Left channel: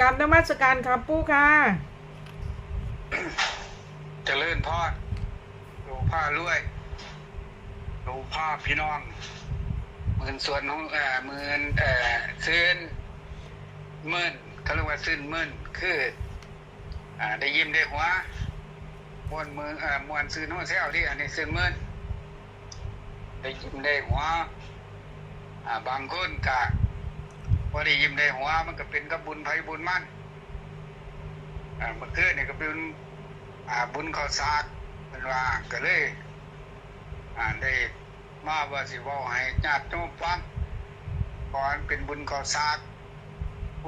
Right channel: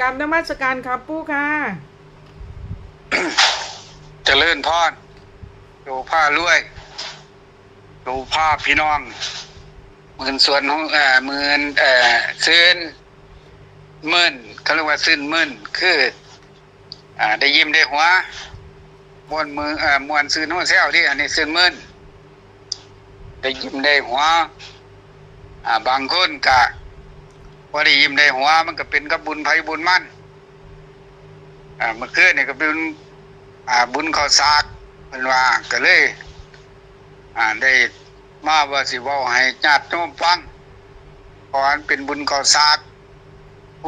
กรรมนมัสการครับปู่ค่ะเจริญพรดูผ้ารวยดูผ้าพี่น้องหมื่นส่วนของเอ่อหมื่นเอ่อซื่นหมื่นเขาเรียกว่าซื่นหมื่นคือ อ่า ได้ยิ้มได้หัวมวนมือเอ่อมวนซื่นหัวเซลที่อันนี้ซื่นหมื่นได้ยิ้มได้หัวอ่าบางคนกะ ว่าได้ยิ้มได้หัวมันก็เป็นกับบุญภัยบุญมั่นอ่าเมื่อคืนนี่ก็เป็นอ่าบุญข้าวสากเป็นว่าก็เลย อ่าได้มาว่าสิเว้าให้ญาติโยมฟังเพราะอันเป็นบุญข้าวสาก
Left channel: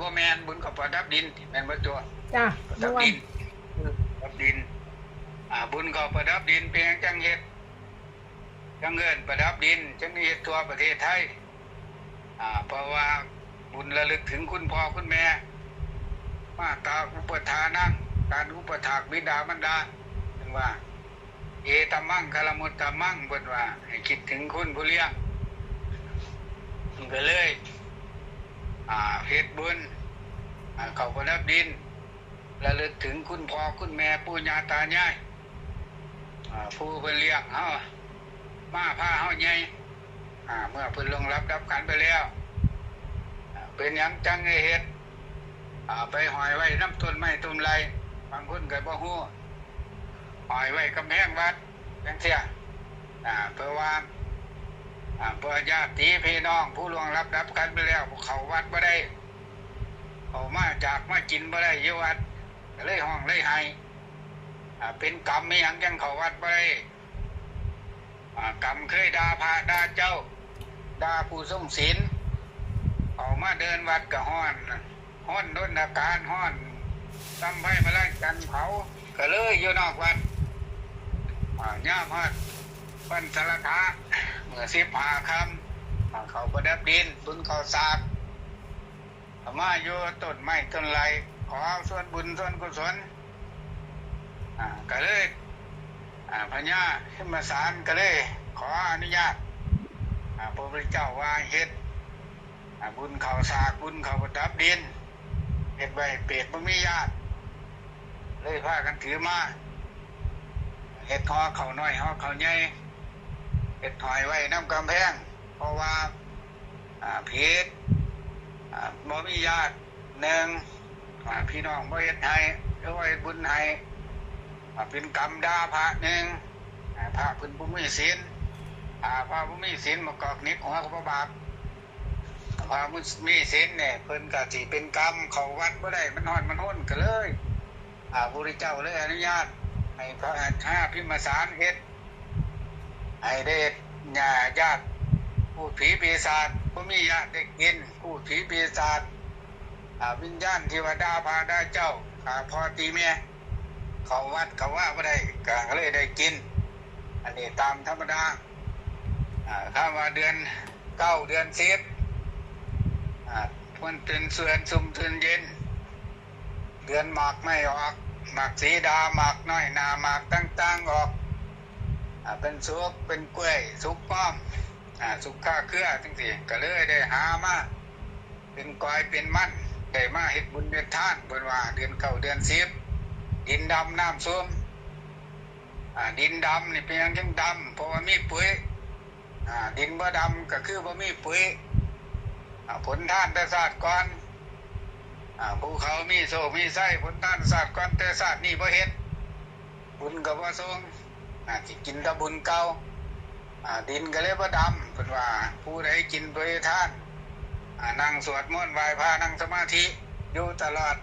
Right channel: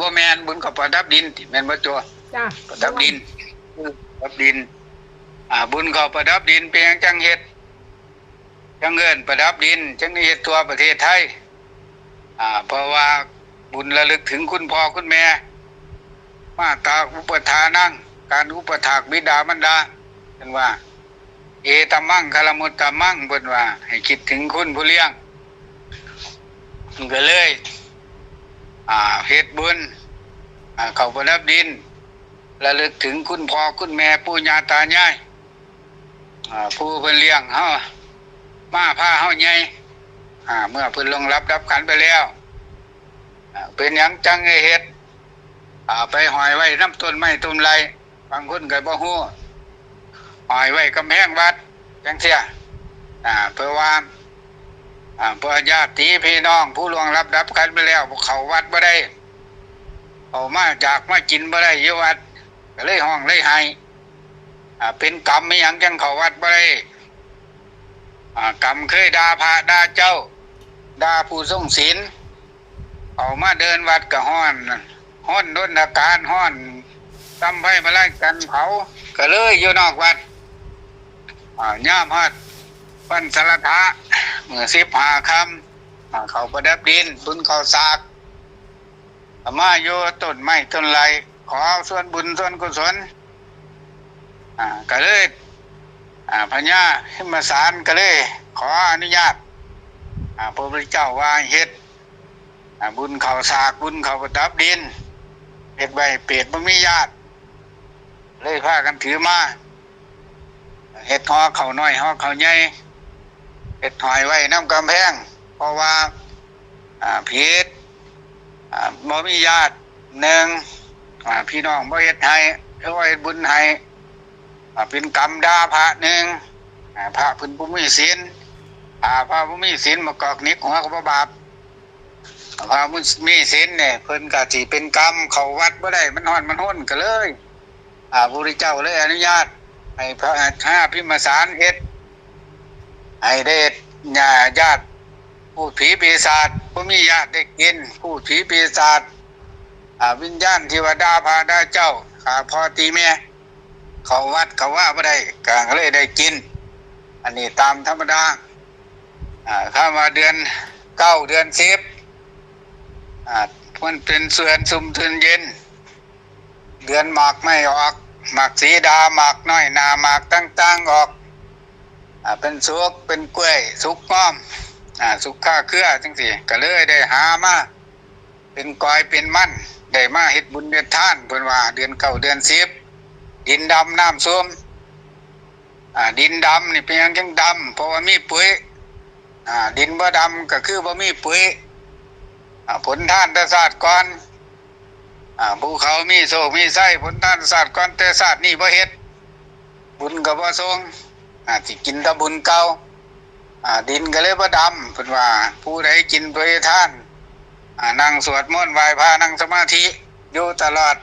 ว่าแม่นบุญข้าวประดับดินที่แม่นบ่ตัวจ้าประดับดินประดับดิน อ่า บุญข้าวประดับดินเป็นหยังจังเฮ็ดจังเงินประดับดินจังได้เฮ็ดทั่วประเทศไทยอ่าเพราะว่า บุญระลึกถึงคุณพ่อคุณแม่ มาตาอุปทานั่ง การอุปถากบิดามารดาเป็นว่า เอตมั่งคารมุตตมั่งเป็นว่า ให้คิดถึงคุณผู้เลี้ยงมันก็เลย อ่าเฮ็ดบุญอ่าเขาประดับดินระลึกถึงคุณพ่อคุณแม่ปู่ย่าตายายอ่าผู้เพิ่นเลี้ยงเฮามาพาเฮาใหญ่อ่าเมื่อเพิ่นลงรับรับขันไปแล้ว เป็นยังจังไงเฮ็ดไปหอยไว้น้ำต้นไม้ต้นไรบางคนก็บ่ฮู้หอยไว้กำแพงวัดจังเสียอเพื่อว่าอ่าเพื่อญาติพี่น้อง ผู้ล่วงรับรับกันไปแล้วเขาวัดบ่ได้เอามาจากมากินบ่ได้ยู่วัดก็เลยห้องเลยให้เป็นกรรมไม่ยังจังเขาวัดบ่ได้กรรมเคยด่าพระด่าเจ้าด่าผู้ทรงศีล เอามาเดินวัดก็ฮ้อนห้อนด้นอาการห้อนตำไผ่มาไล่กันเผาก็เลยอยู่นอกวัดอาย่ามฮัดปันสารทะเมื่อสิบหาคำเขาประดับดินบุญเขาสากอามาโยต้นไม้ต้นไรขอส่วนบุญส่วนกุศลก็เลยพญาขึ้นมาสารก็เลย ขออนุญาตพระพุทธเจ้าว่าเฮ็ด บุญเขาสากบุญเขาประดับดินเห็ดใบเปรตบ่มีญาติ เลยพากันถือมาเห็ดหอเขาน้อยหอเขาใหญ่เห็ดหอยไว้น้ำกำแพง เพราะว่าผิดบ่มีญาติหนึ่งพี่น้องบ่เฮ็ดให้หรือว่าเฮ็ดบุญให้เป็นกรรมดาพระหนึ่งอ่าพระพิ่นบ่มีศีลอ่าพระบ่มีศีลมากอกนิกหัวก็บ่บาป พระมุสมีศีลเนี่ยเพิ่นก็สิเป็นกรรมเขาวัดบ่ได้มันฮ้อนมันห้นก็เลย อ่าพระพุทธเจ้าเลยอนุญาต ให้พระห้าพิมสารเฮ็ดให้ได้ญาญาติผู้ผีปีศาจผู้มีญาติได้กินผู้ผีปีศาจอ่าวิญญาณเทวดาพาดาเจ้าขาพ่อตีแม่เขาวัดเขาว่าบ่ได้ก็เลยได้กิน อันนี้ตามธรรมดาอ่าข้ามาเดือนเก้าเดือนสิบ อ่ามันเป็นเสือนซุมทุนเย็น เดือนหมากไม่ออกหมากสีดาหมากน้อยนาหมากต่างๆออกอเป็นสุกเป็นกล้วย สุกง้อมอสุกข้าเครือจังสิก็เลยได้หามาเป็นกอยเป็นมั่นได้มาเฮ็ดบุญเดือนท่านเพิ่นว่า เดือนเก้าเดือนสิบดินดำน้ำส้มอ่าดินดำนี่เป็นยังจังดำเพราะว่ามีปุ๋ยดินบ่ดำก็คือบ่มีปุ๋ย ผลท่านแต่ศาสตร์ก่อนภูเขามีโศกมีไส้ผลท่านศาสตร์ก่อนแต่ศาสตร์นี่บ่เฮ็ดบุญก็บ่ทรงอ่าสิกินตะบุญเก่าดินก็เลยบ่ดำเพิ่นว่า ผู้ใดกินโดยท่านนั่งสวดมนต์ไหว้พระนั่งสมาธิอยู่ตลอด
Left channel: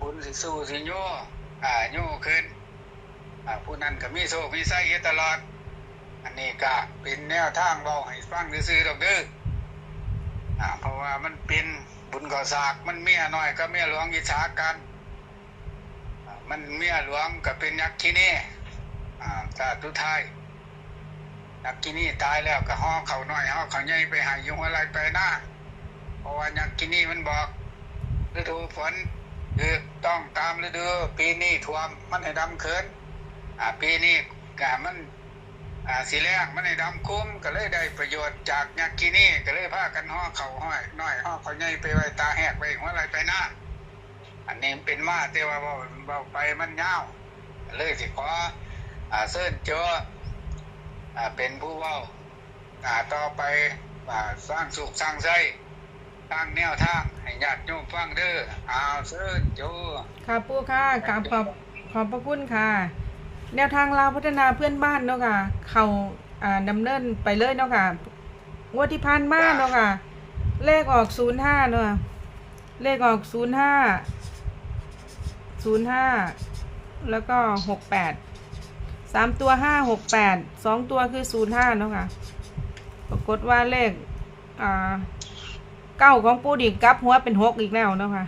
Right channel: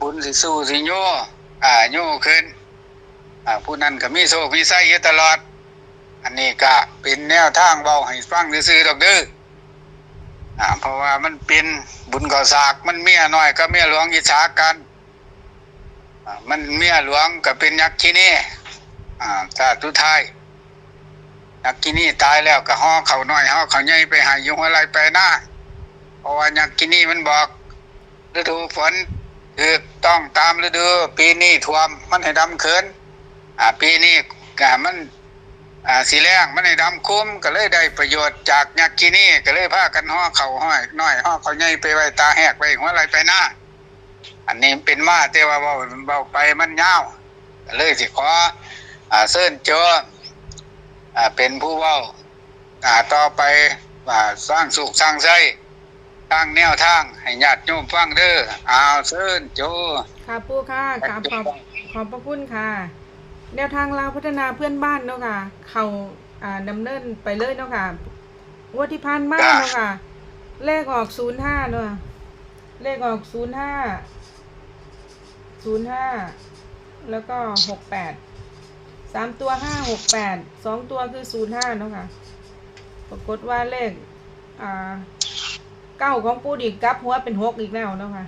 บุญสิสู้สิโยอ่าโยขึ้นผู้นั้นก็มีโศกมีไส้อยู่ตลอด อันนี้ก็เป็นแนวทางเว้าให้ฟังซื่อๆดอกเด้อ อ่าเพราะว่ามันเป็นบุญก่อสากมันเมียน้อยก็เมียหลวงอิจฉากันมันเมียหลวงก็เป็นยักษ์ที่นี่อ่าถ้าทุทายยักษ์ที่นี่ตายแล้วก็ห่อเขาน้อยห่อเขาใหญ่ไปหายยุงอะไรไปหน้าเพราะว่ายักษ์ที่นี่มันบอกฤดูฝนคือต้องตามฤดู ปีนี้ท่วมมันให้ดำเขินอ่าปีนี้กะมัน อ่าสีแรงมันในดำคุ้มก็เลยได้ประโยชน์จากยักษ์กินี่ก็เลยพากันห่อเข่าห้อยน้อยห่อเขาใหญ่ไปไว้ตาแหกไปหัวไหลไปหน้า อันนี้เป็นมาแต่ว่าเว้าเบาไปมันยาวเลยสิขออ่าเชิญเจออ่าเป็นผู้เว้าอ่าต่อไปอ่าสร้างสุขสร้างใจสร้างแนวทางให้ญาติโยมฟังเด้อเอาเชิญโจค่ะปูค่ะกราบขอบขอบพระคุณค่ะ แนวทางลาวพัฒนาเพื่อนบ้านเนาะค่ะ เขาอ่าดำเนินไปเลยเนาะค่ะงวดที่ผ่านมาเนาะค่ะ เลขออกศูนย์ห้าเนาะเลขออกศูนย์ห้าศูนย์ห้าแล้วก็หกแปดสามตัวห้าหกแปดสองตัวคือศูนย์ห้าเนาะค่ะ ปรากฏว่าเลขอ่าเก้าของปูดีกลับหัวเป็นหกอีกแล้วเนาะค่ะ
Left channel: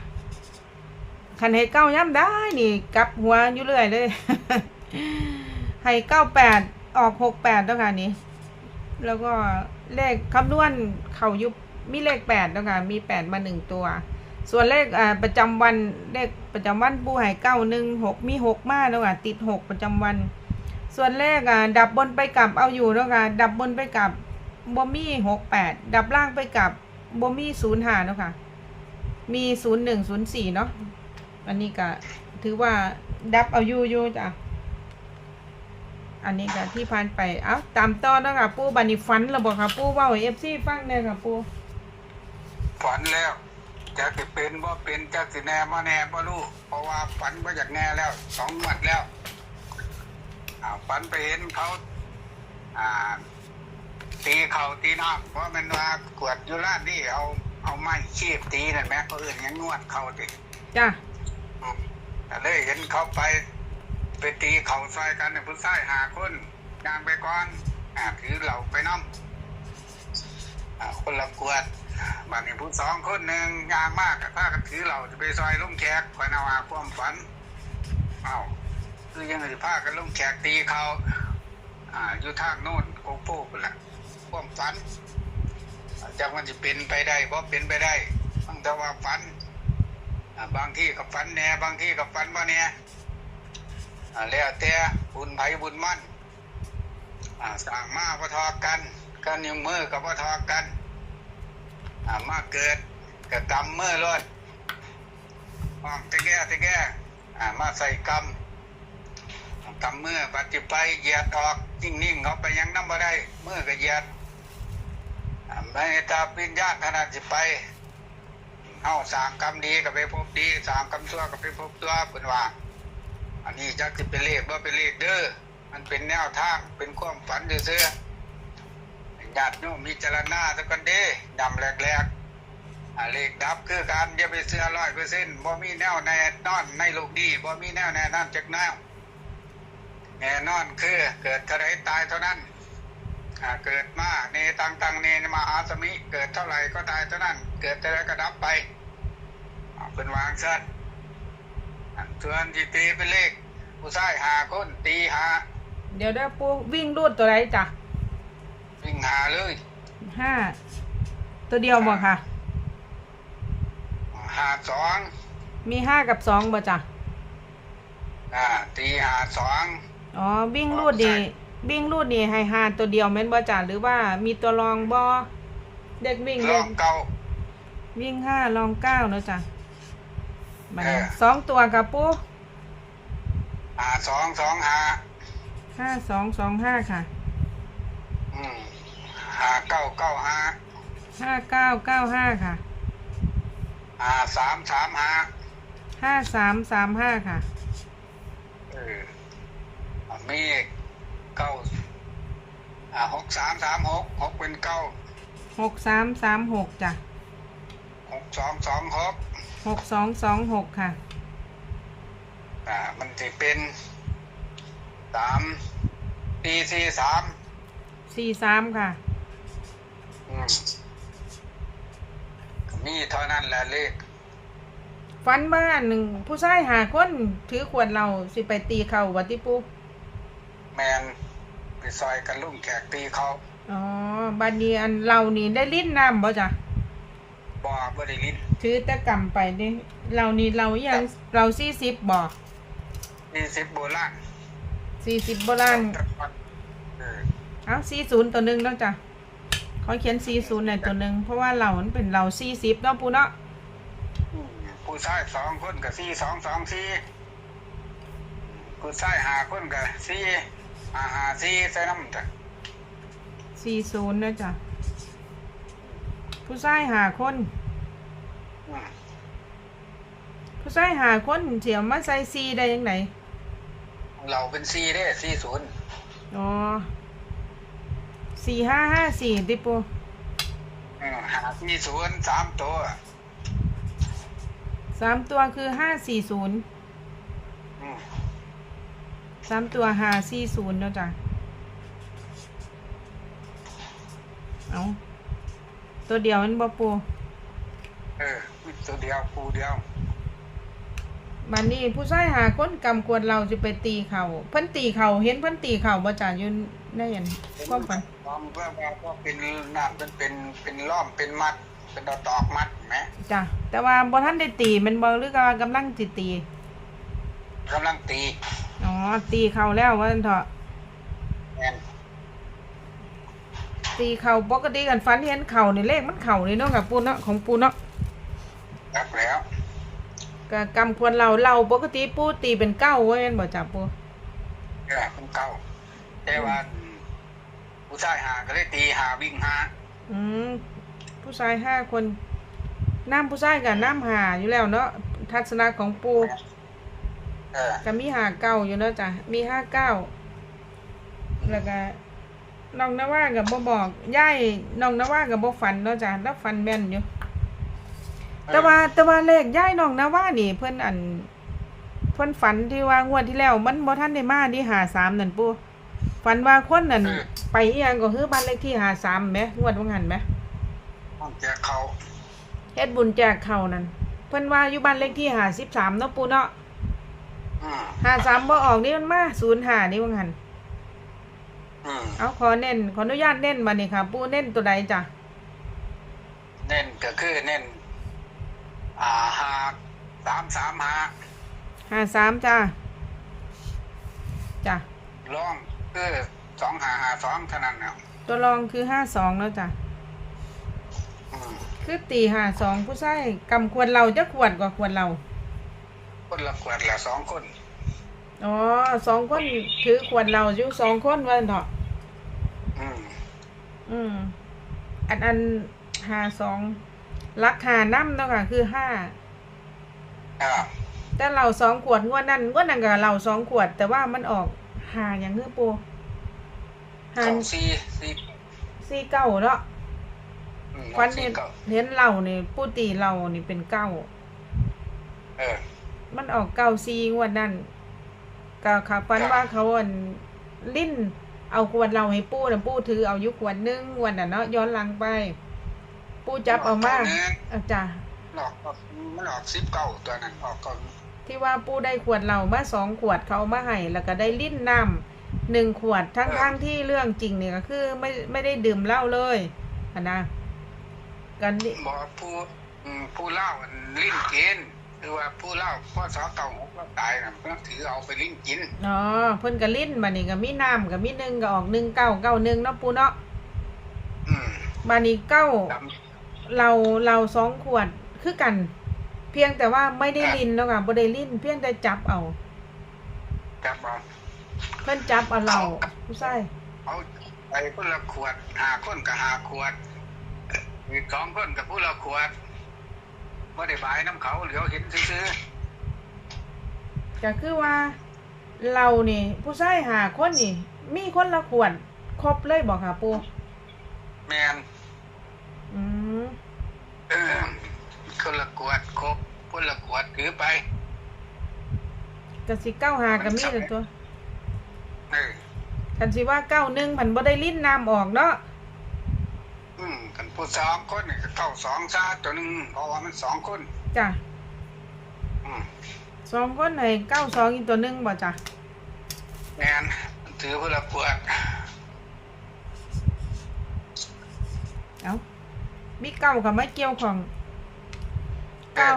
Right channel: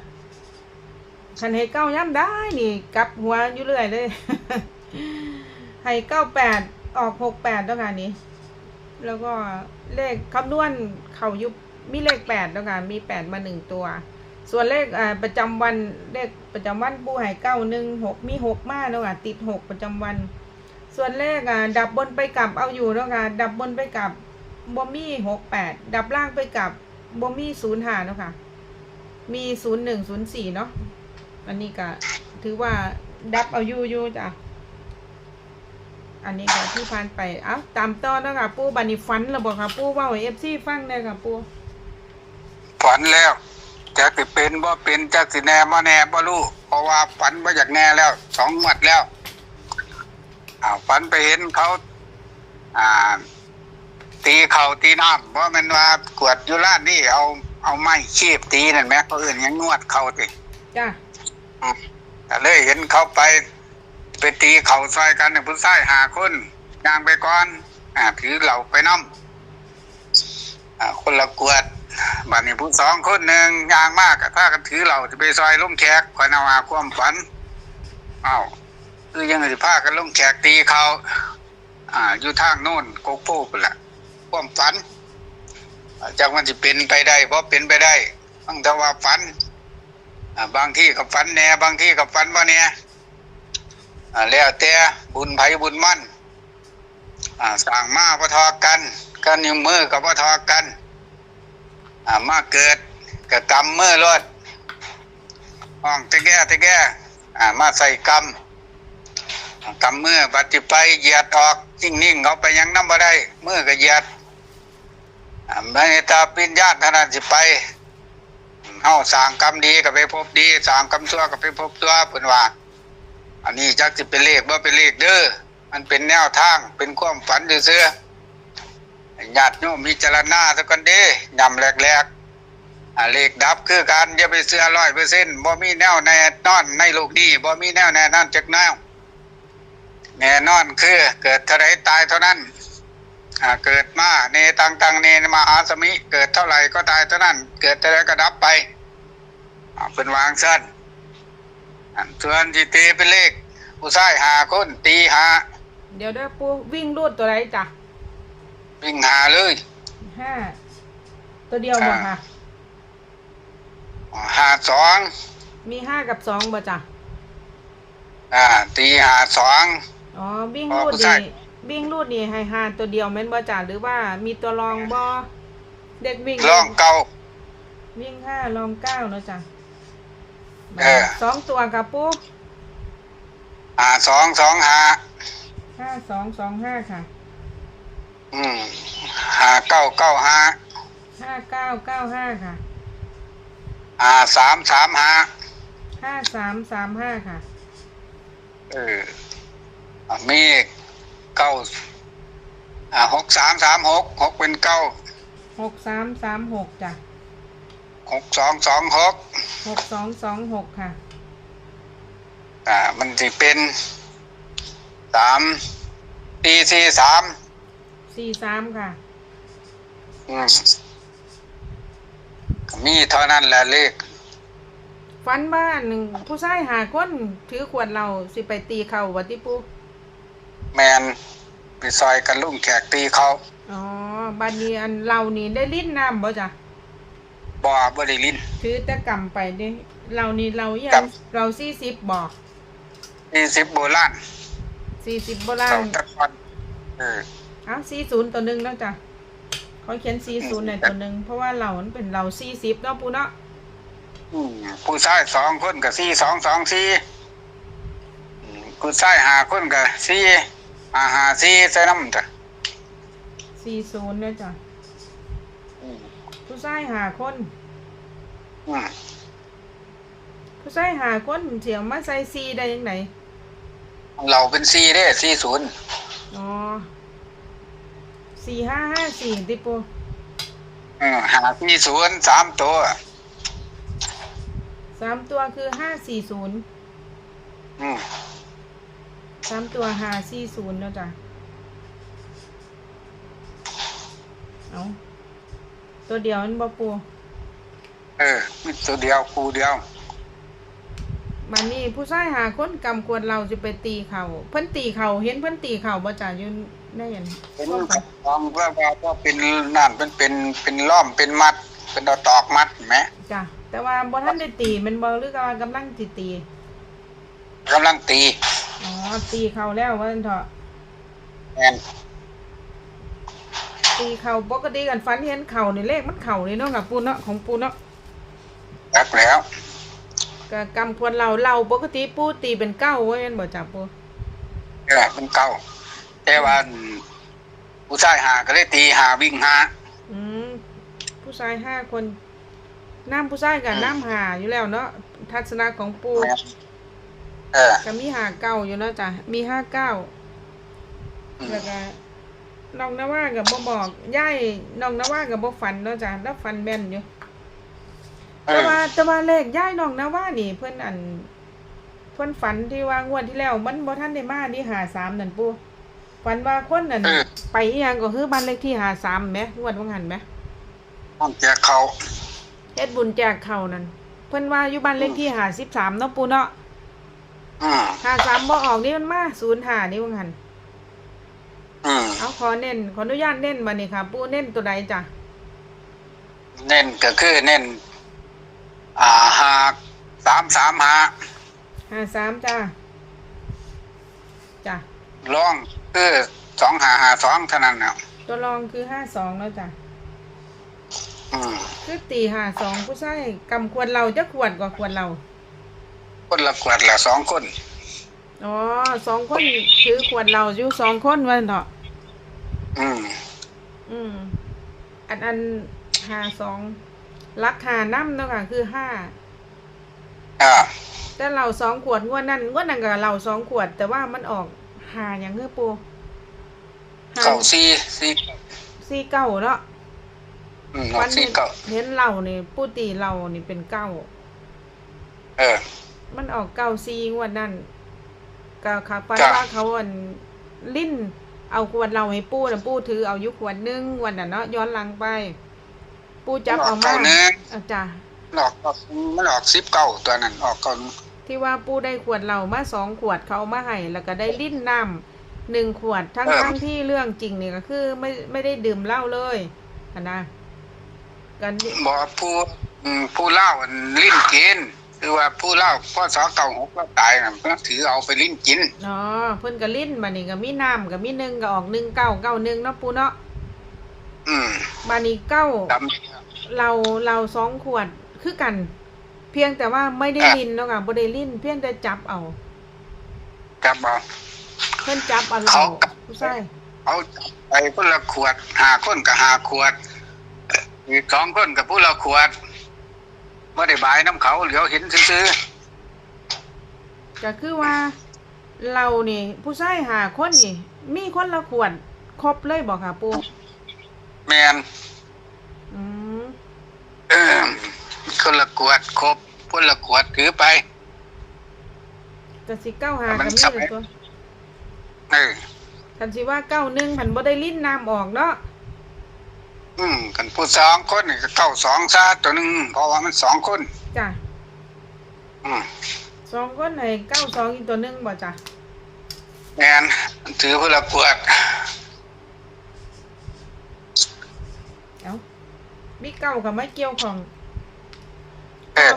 คันให้เก้าย่ำได้นี่กลับหัวอยู่เรื่อยเลย ให้เก้าแปดออกหกแปดแล้วค่ะนี่แล้วก็เลขคำนวณเขายุบมีเลขแปดแล้วค่ะมีแปดมาหนึ่งตัว ส่วนเลขประจำวันเลขประจำวันปูให้เก้าหนึ่งหกมีหกมาแล้วค่ะติดหกประจำวัน ส่วนเลขดับบนไปกลับเอาอยู่แล้วค่ะดับบนไปกลับบ่มีหกแปดดับล่างไปกลับบ่มีศูนย์ห้าแล้วค่ะมีศูนย์หนึ่งศูนย์สี่เนาะอันนี้ก็ถือว่าดับเอาอยู่อยู่จ้ะ อันนี้ก็ที่ผ่านไปเอ้าตามต่อเนาะค่ะ ปูบันนี้ฟันแล้วบอกค่ะ ปูเว่าเอฟซีฟังได้ค่ะ ปูฝันแล้วจักสิเป็นบ่เป็นจักสิแน่บ่แน่บ่รู้เพราะว่าฝันบ่อยากแน่แล้วสองงวดแล้วอ่าฝันไปเห็นเขา อ่า ตีเข่าตีน้ำเพราะมันว่ากวดอยู่ร้านนี่เอาเอาไม้คีบตีนั่นแหมเขาอื่นยังงวดเข่าติจ้ะแต่เลยเห็นเขาไป ไปตีเข่าซอยกันเนี่ยผู้ชายหาคนยางไปก่อน อ่าถือเหล่าไปน้ำอ่าคนละกวดบัดนี้ผู้สองคนหนึ่งยางมากกับถ้ากันถือเหล่าจะไปซอยลุงแขกคอยนามาความฝันเอ้าคือยังไงพากันลุงแขกตีเขาอ่าอยู่ทางโน่นโกโก้ไปละความฝันจากมันจะเป็นไปได้เพราะเป็นไปได้ตั้งแต่ว่าฝันบางที่กับฟันแน่บางที่กับฟันบ่เนี่ย อ่าแล้วแต่บุญไผบุญมั่นอ่าสั่งมาพทอกันกันนิ้วมือกับพทอกันอ่ามาเกิดกับกรรมมือรถห้องตะแก่ตะแก่อ่ามาใส่กรรมอ่ากำมือปฏิไปเหยียดออกนิ่งนิ่งๆเขาไปยังน้ำบ่ได้มือก็เหยียดอ่าไม่ตาปิญญาตขนาดสิไปเฮาสร้างกรรมดีก็ไปพบดีสร้างกรรมชั่วก็ไปพบชั่วเพิ่นว่า อันนี้จักสิเป็นเลขบ่เป็นเลขเด้อมันเป็นแนวทางเป็นความฝันซื่อๆให้ญาติโยมมีจรณาซะก่อนเด้ยำแรกๆอ่าเลขดับคือการอย่าไปเชื่อ100%บ่มีแนวแน่นอนในโลกนี้บ่มีแนวแน่นอนจักแนวแน่นอนคือเกิดเท่าใดตายเท่านั้นเกิดมาเนตังตังเนมหาสมิ เกิดเท่าไหร่ก็ตายเท่านั้น เกิดเท่าไรก็ดับไปเป็นวางสั้น ส่วนที่ตีเป็นเลข ผู้ชายหาคนตีหาเดี๋ยวได้ปูวิ่งรูดตัวไหนจ้ะวิ่งหาเลยห้าตัวเดียวบ่ค่ะหาสองมีห้ากับสองบ่จ้ะอ่า ตีหาสองอ๋อวิ่งอ๋อรูดใช่นี่วิ่งรูดนี่ให้ห้าตัวเดียวแม่นบ่จ้ะหรือว่ามีตัวรองบ่เด็กวิ่งลองเก่าวิ่งห้ารองเก้าเนาะจ้ะ เออ สองตัวกับปูหาสองสองหาห้าสองสองห้าค่ะอืมหาเก้าเก้าหาห้าเก้าเก้าห้าค่ะหาสามสามหาห้าสามสามห้าค่ะเออมีเก้าอ่าหกสามสามหกหกเป็นเก้าหกสามสามหกจ้ะ หกสองสองหกหกสองสองหกค่ะ อ่า มันจะเป็นสามปีสี่สามสี่สามค่ะ อืมมีเท่านั้นแหละเลขฟันบ้านหนึ่งผู้ชายหาคนถือขวดเราสิไปตีเขาวัติปูแมนไปซอยกันลุ่งแขกตีเขาอ๋อบัดนี้อันเรานี่ได้ลิ้นน้ำบ่จ้ะ บ่บ่ได้ลิ้นถือแต่กำไปเด้เรานี่เรายัครังบเราสี่สิบบ่ยี่สิบโบราณสี่สิบโบราณเจ้ตะกอนเออเอาสี่ศูนย์ตัวหนึ่งแล้วจ้ะเขาเขียนสี่ศูนย์ในตัวหนึ่งเพราะว่าเรามันเป็นเราสี่สิบเนาะปูเนาะอืมผู้ชายสองคนกับสี่สองสองสี่อืมผู้ชายหาคนกับสี่หาหาสี่ใส่น้ำจ้ะสี่ศูนย์นะจ้ะอืม ผู้ชายหาคนอืมผู้ชายหาคนเสียวมาใส่ซีได้ยังไงเราเป็นสี่เด้สี่ศูนย์อ๋อสี่ห้าห้าสี่ติปูอืมหาสี่ศูนย์สามตัวสามตัวคือห้าสี่ศูนย์อืมสามตัวหาสี่ศูนย์เนาะจ้ะเอา ตัวเดียวมันบ่ปูเออมีตัวเดียวคู่เดียวมันนี่ผู้ชายหาคนกำกวดเราจะไปตีเขาเพิ่นตีเขาเห็นเพิ่นตีเขาบ่จ้ะอยืนได้ยันเป็นความฝันลองว่าว่าว่าเป็นนั่นเป็นเป็นเป็นล้อมเป็นมัด เป็นดอกตอกมัดเห็นไหมจ้ะแต่ว่าบ่ทันได้ตีแมันบ่หรือว่ากำลังสิตีกำลังตีอ๋อตีเขาแล้วว่าซั่นเถอะแอน ตีเขาปกติกันฝันเห็นเขานี่เลขมันเขานี่เนาะกับปูเนาะของปูเนาะรักแล้วก็กำควรเราเราปกติปูตีเป็นเก้าว่าแม่นบ่จ้ะปูเออเป็นเก้าแต่ว่าผู้ชายหาก็เลยตีหาวิ่งหาอืมผู้ชายห้าคนน้ำผู้ชายกับน้ำหาอยู่แล้วเนาะทัศนะของปูเออก็มีหาเก้าอยู่เนาะจ้ะมีห้าเก้าแล้วก็ น้องนว่ากับบ่บอกย่ายน้องนว่ากับบ่ฝันเนาะจ้ะแล้วฝันแม่นอยู่ แต่ว่าแต่ว่าเลขย่ายน้องนว่านี่ เพิ่นอันเพิ่นฝันที่ว่างวดที่แล้ว มันบ่ทันได้มานี่หาสามนั่นปูฝันว่าคนนั่นเออไปอีหยังก็คือบ้านเลขที่หาสามแหมงวดว่างั้นแหมต้องแจกเขาเฮ็ดบุญแจกเขาวนั่นเพิ่นว่าอยู่บ้านเลขที่หาสิบสามเนาะปูเนาะอืมหาสามบ่ออกนี่มันมาศูนย์หานี่ว่างั้น อืมเอาขอเน้นขออนุญาตเน้นบัดนี้ค่ะ ปูเน้นตัวใดจ้ะเน้นก็คือเน้น อ่าหาสามสามหาหาสามจ้ะจ้ะล่องคือสองหาหาสองเท่านั้นเนาะตัวรองคือห้าสองเนาะจ้ะอืมคือตีหาสองผู้ชายกำควรเราจะขวดกว่าควรเรา คนละขวดละสองคน อ๋อสองคนถือขวดเราอยู่สองคนไว้เถอะอืมอืม อันอันหาสองรักหาน้ำเนาะค่ะคือห้าอ่าแต่เราสองขวดงวดนั้นงวดนั้นกับเราสองขวด แต่ว่ามันออกหาอย่างคือปูหาเก้าสี่สี่สี่เก้าเนาะอืมวันสี่เห็นเก้าเห็นเรานี่ปูตีเรานี่เป็นเก้า เออ มันออกเก้าซีงวดนั้น ก็ค่ะปันจ้ะว่าเขาอันลิ้นเอาขวดเราให้ปูนะปูถือเอาอยุขวดหนึงวันน่ะเนาะย้อนหลังไป ปูจับเอามาเก้หนึ่งอาจ้ะมันออกมันออกสิบเก้าตัวนั้นออกก่อนที่ว่าปูได้ขวดเรามาสองขวดเขาเอามาให้แล้วก็ได้ลิ้นน้ำหนึ่งขวดทั้งทั้งที่เรื่องจริงเนี่ยก็คือไม่ไม่ได้ดื่มเหล้าเลยอะนะกันนี่บอกว่าผู้อืมผู้เล่าอันลิ้นกิน คือว่าผู้เล่าพ่อสอเก่าหกก็ตายนะเพิ่นถือเอาไปลิ้นกินอ๋อเพิ่นก็ลิ้นมานี่ก็มีน้ำก็มีหนึ่งก็ออกหนึ่งเก้าเก้าหนึ่งเนาะปูเนาะอืมมานี่เก้าดเราเราสองขวดคือกัน เพียงแต่ว่าไม่ได้อะลิ้นเนาะค่ะบ่ได้ลิ้นเพียงแต่จับเอาำกับเอาเพิ่นจับเอาเราเอาผู้ชายเอาไปคนละขวดหาคนกับหาขวดอีกสองคนกับผู้ละขวด ไม่ได้บายน้ำเขาเหลียวเห็นซื้อก็คือว่าเรานี่ ผู้ชายหาคนนี่ มีคนละขวดครบเลยบอกค่ะปูๆแมนอืมเออคนละขวดครบคนละขวดถือไปก็สิเก้าหาก็มีแต่ตัวเออ คันสิว่าเก้าหนึ่งผันบ่ได้ลิ้นน้ำออกเนาะ อืมกันผู้สองคนนี่ก็เก้าสองซาตัวหนึ่งเพราะว่ามันสองคน จ้ะอืมสองคนให้เก้าสองอีกตัวหนึงบ่จ้ะแมนมันถือคนละขวดเอามีเก้ากับไม่เกี่ยวของเออเก้า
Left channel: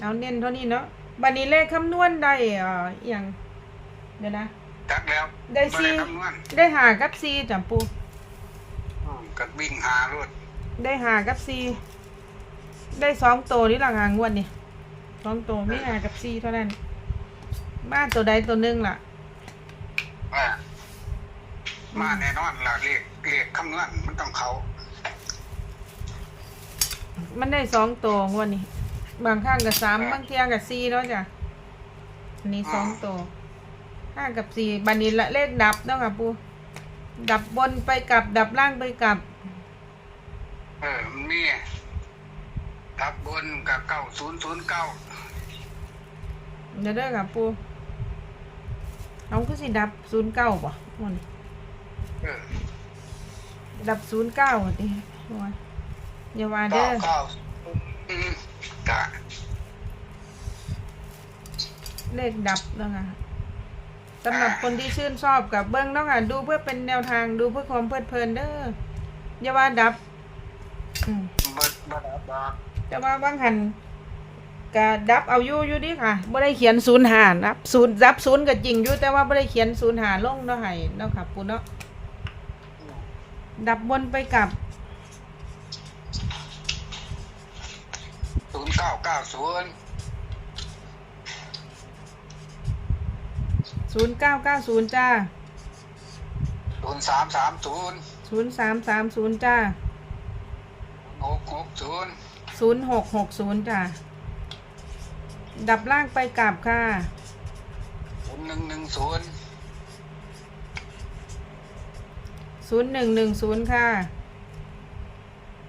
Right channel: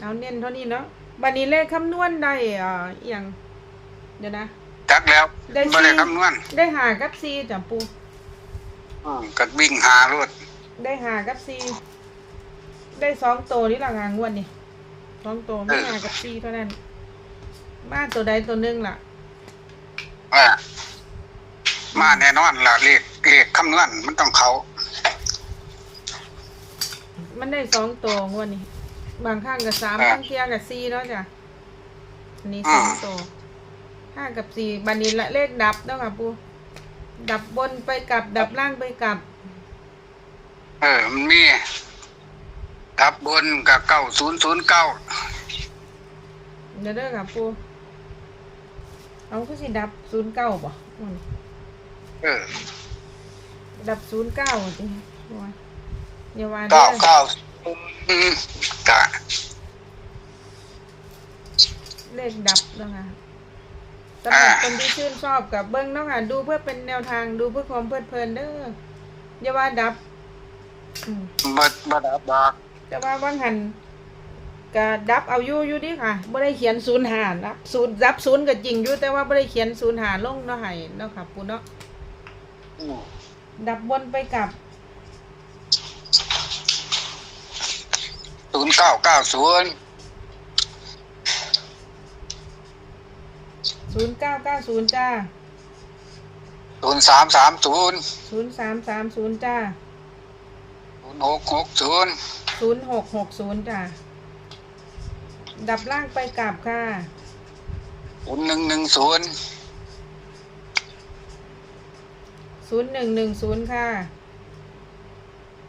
เอาเน้นเท่านี้เนาะบัดนี้เลขคำนวณได้เอ่ออหย่างเดี๋ยวนะ จักแล้วได้ไม่ได้สี่คำนวณได้หากับซีจ้ะปู อืมก็วิ่งหารถได้หากับซีได้สองตัวนี่ละงางวดนี่สองตัวไม่หากับซีเท่านั้นบ้านตัวใดตัวหนึงล่ะอ่ามาแน่นอนล่ะเลขเลขคำนวณมันต้องเขา มันได้สองตัวงวดนี้ บางข้างกับสามอ่าบางเที่ยกับสี่เนาะจ้ะอันนี้สองตัวห้ากับสี่บันนี้ละเลขดับเนาะค่ะปู ดับบนไปกลับ ดับล่างไปกลับ เออมันมีดับบนกับเก้าศูนย์ศูนย์เก้าเดี๋ยวเด้อค่ะปูเอาคือสิดับศูนย์เก้าบ่มันเออดับศูนย์เก้าติโอ้ยอย่าว่าเด้เก้าอเก้าอืมกะเลขดับเนาะค่ะ สำหรับคนที่ชื่นชอบกับเบิ้งเนาะค่ะดูเพื่อเป็นแนวทางดูเพื่อความเพลิดเพลินเด้ออย่าว่าดับอืมบดบดับดอกแต่ว่าบางหันก็ดับเอาอยู่อยู่ดิค่ะไม่ได้เขียนศูนย์หานะศูนย์ดับศูนย์ก็จริงอยู่แต่ว่าไม่ได้เขียนศูนย์หาลงเนาะให้เนาะค่ะปูเนาะอืมดับบนไปกับศูนย์เก้าเก้าศูนย์ ศูนย์เก้าเก้าศูนย์จ้าศูนย์สามสามศูนย์ศูนย์สามสามศูนย์จ้าศูนย์หกหกศูนย์ศูนย์หกหกศูนย์จ้าดับล่างไปกับค่ะศูนย์หนึ่งหนึ่งศูนย์ศูนย์หนึ่งหนึ่งศูนย์ค่ะ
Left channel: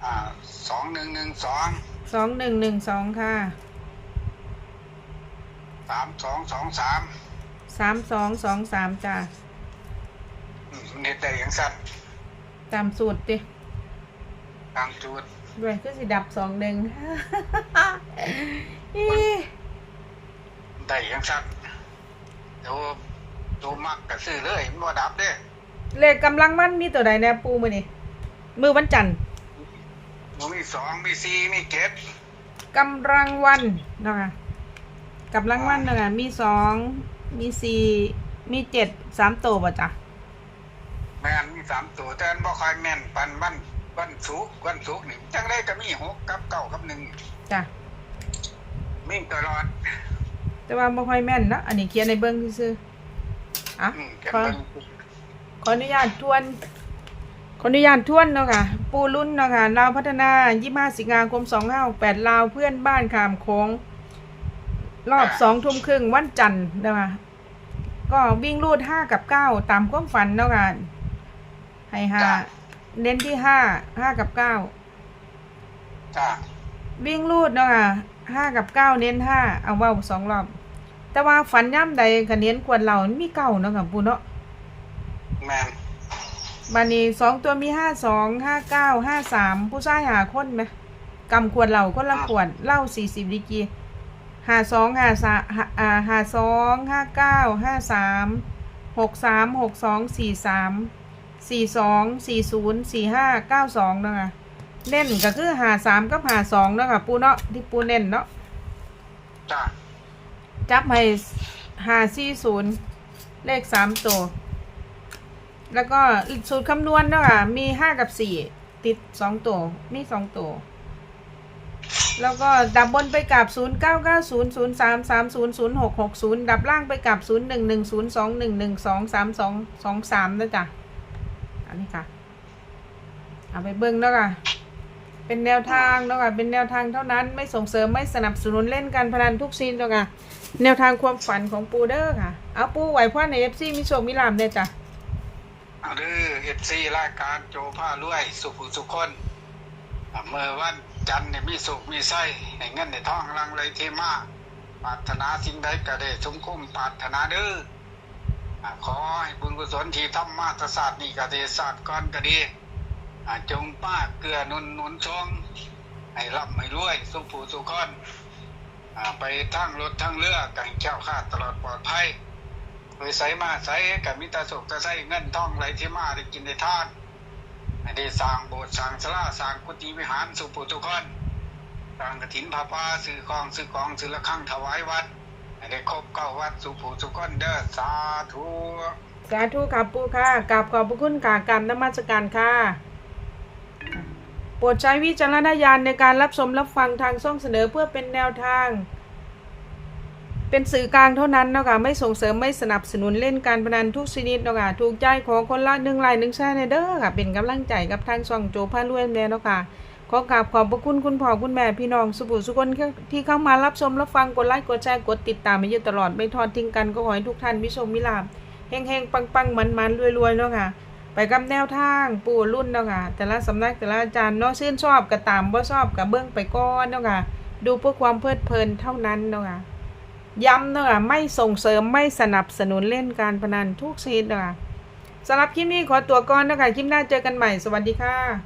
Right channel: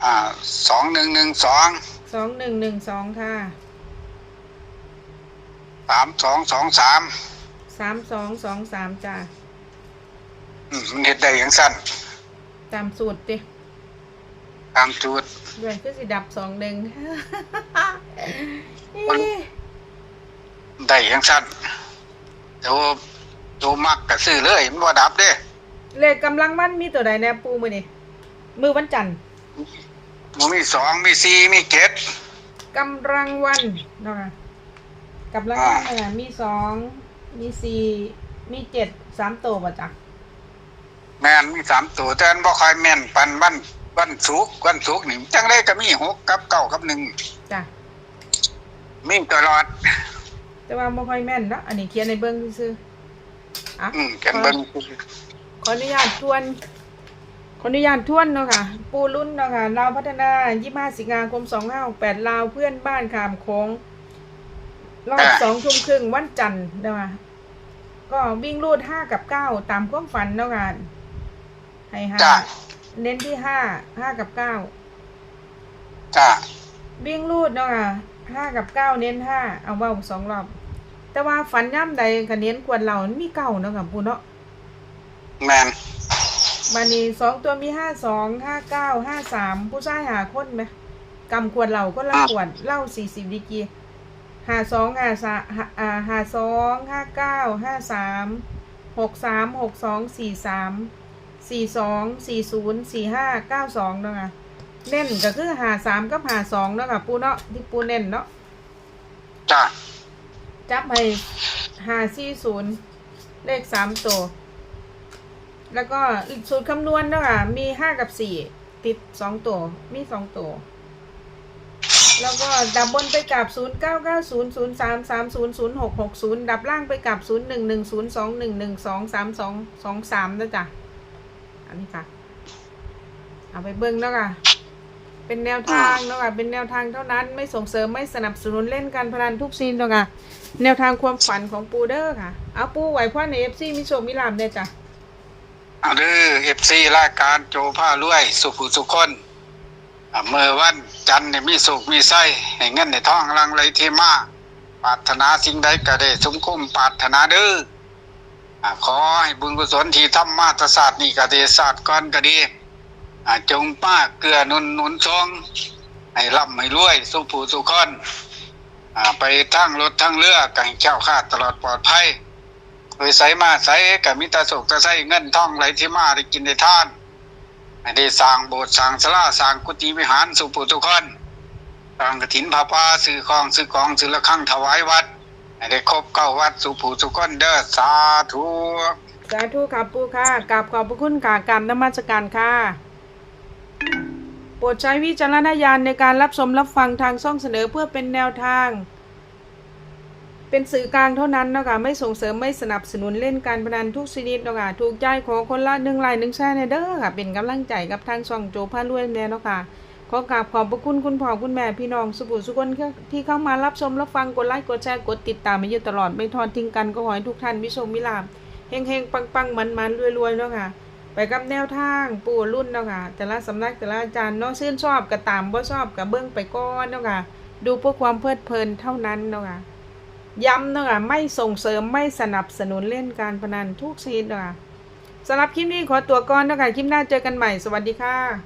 อ่าสองหนึ่งหนึ่งสองสองหนึ่งหนึ่งสองค่ะสามสองสองสาม สามสองสองสามจ้าอืมมันเห็ดได้อย่างสั้นตามสูตรดิตามจุด ด้วยก็สิดับสองหนึ่งได้อย่างสั้นเดี๋ยวดูมักกะซื้อเลยมันว่าดับเด้เลขกำลังมันมีตัวใดแน่ปูมือนี่มือวันจันทร์มันมีสองมีสี่มีเจ็ดกำลังวันนะคะกำลังวันนะคะมีสอง มีสี่มีเจ็ดสามตัวป่ะจ๊ะแม่นมีสามตัวแต่อันบ่ค่อยแม่นปันวันวันศุกร์วันศุกร์นี่จังได้ก็มีหกกับเก้ากับหนึ่งจ้ะมีตลอด แต่ว่าไม่ค่อยแม่นเนาะอันนี้เขียนในเบิ้งซื่อๆอะอืมกันขอเบิ่งขออนุญาตทวน ขออนุญาตทวนเนาะค่ะ ปูรุ่นเนาะค่ะลาวพัฒนา25สิงหาคม2568ลาวเพื่อนบ้านขามโค้ง รอบสองทุ่มครึ่งวันจันทร์นะคะก็วิ่งรูดห้ากับเก้าตามความฝันเนาะค่ะให้ห้าจ้าเน้นที่ห้าห้ากับเก้าจ้าวิ่งรูดเนาะค่ะห้ากับเก้าเน้นห้าเอาเว้าสองรอบ แต่ว่าฝันย่ำใดคะเน้นกวนเรามีเก้าเนาะค่ะปูเนาะแม่นบานี้สองตัวมีห้าสองห้าเก้าห้าสามผู้ชายหาคนไหมกำขวดเหล่าก็ละขวดเหล้าสี่สิบดีกรี หาสองหาสาหาอ่าหาสองห้าเก้าห้าสามหกสามหกสองสี่สามสี่สองสี่ศูนย์สี่ห้าเก้าสองเนาะค่ะเน่นก็คือหาสามกับหาสองเนาะค่ะปูเนาะที่ปูเน่นเนาะจ้าจับให้หาสี่ศูนย์เลขสามตัวแล้วก็สูตรคำนวณเนาะค่ะมีห้ากับสี่ติดสองตัวมีสองตัว แล้วก็ดับบนไปกับศูนย์เก้าเก้าศูนย์ศูนย์สามสามศูนย์ศูนย์หกหกศูนย์ดับล่างไปกับศูนย์หนึ่งหนึ่งศูนย์สองหนึ่งหนึ่งสองสามสองสองสามนะจ๊ะ อันนี้ค่ะ เอาไปเบิ้งเนาะค่ะเป็นแนวทางเนาะค่ะ เป็นแนวทางเท่านั้น ไม่ส่งเสริมไม่สนับสนุนเล่นการพนันทุกซีนเนาะค่ะ แนวทางความฝันของปูเดอร์ค่ะ เอาปูไหวพ่อในเอฟซีมีโชคมีลาบเด้จ้ะเอาเด้อเอฟซีรายการโจผ้ารวยสุขุสุขคน เมื่อวันจันทร์นี่มีสุขมีไส้ให้เงินในท้องรังไหลเทมาปรารถนาสิ่งใดก็ได้สมคุ้มปรารถนาเด้อขอให้บุญกุศลที่ทำมาตรศาสตร์นี่ก็ดีศาสตร์ก่อนก็ดีจงป้าเกลือนุนนุนชงให้ร่ำให้รวย สุขผู้สุขคนไปทั้งรถทั้งเรือก็ให้เจ้าข้าตลอดปลอดภัยโดยใส่มาใส่กับมิตรสุขจะใส่เงินทองไหลที่มาได้กินได้ทาน ให้ได้สร้างโบสถ์สร้างศาลาสร้างกุฏิวิหารสุปุทุกคนสร้างกฐินพาปาซื้อของซื้อของซื้อละครั้งถวายวัดให้ได้ครบเก้าวัดสุปุทุกคนเด้อสาธุสาธุค่ะปูค่ะกราบขอบพระคุณค่ะกราบนมัสการค่ะ โปรดใช้วิจารณญาณในการรับชมรับฟังทางช่องเสนอเพื่อเป็นแนวทาง เป็นสื่อกลางเท่านั้นเนาะค่ะไม่ส่งเสริมไม่สนับสนุนเล่นการพนันทุกชนิดเนาะค่ะถูกใจขอคนละหนึ่งไลน์หนึ่งแชร์ในเด้อค่ะ เป็นกำลังใจกับทางช่องโจพารวยแน่เนาะค่ะขอกราบขอบพระคุณคุณพ่อคุณแม่พี่น้องสุบุสุคนที่เข้ามารับชมรับฟังกดไลค์กดแชร์กดติดตามมาอยู่ตลอดไม่ทอดทิ้งกันก็ขอให้ทุกท่านมิชมมิลาบเฮงเฮงปังปังมันมันรวยรวยๆเนาะค่ะ ไปกับแนวทางปู่รุ่นเนาะค่ะ แต่ละสำนักแต่ละอาจารย์เนาะชื่นชอบก็ตามบ่ชอบก็เบิ่งไปก่อนเนาะค่ะ ดูเพื่อความเพลิดเพลินเท่านั้นเนาะค่ะ ย้ำนะค่ะไม่ส่งเสริมไม่สนับสนุนเล่นการพนันทุกชนิดนะค่ะสำหรับคลิปนี้ขอตัวก่อนนะค่ะคลิปหน้าเจอกันใหม่สวัสดีค่ะ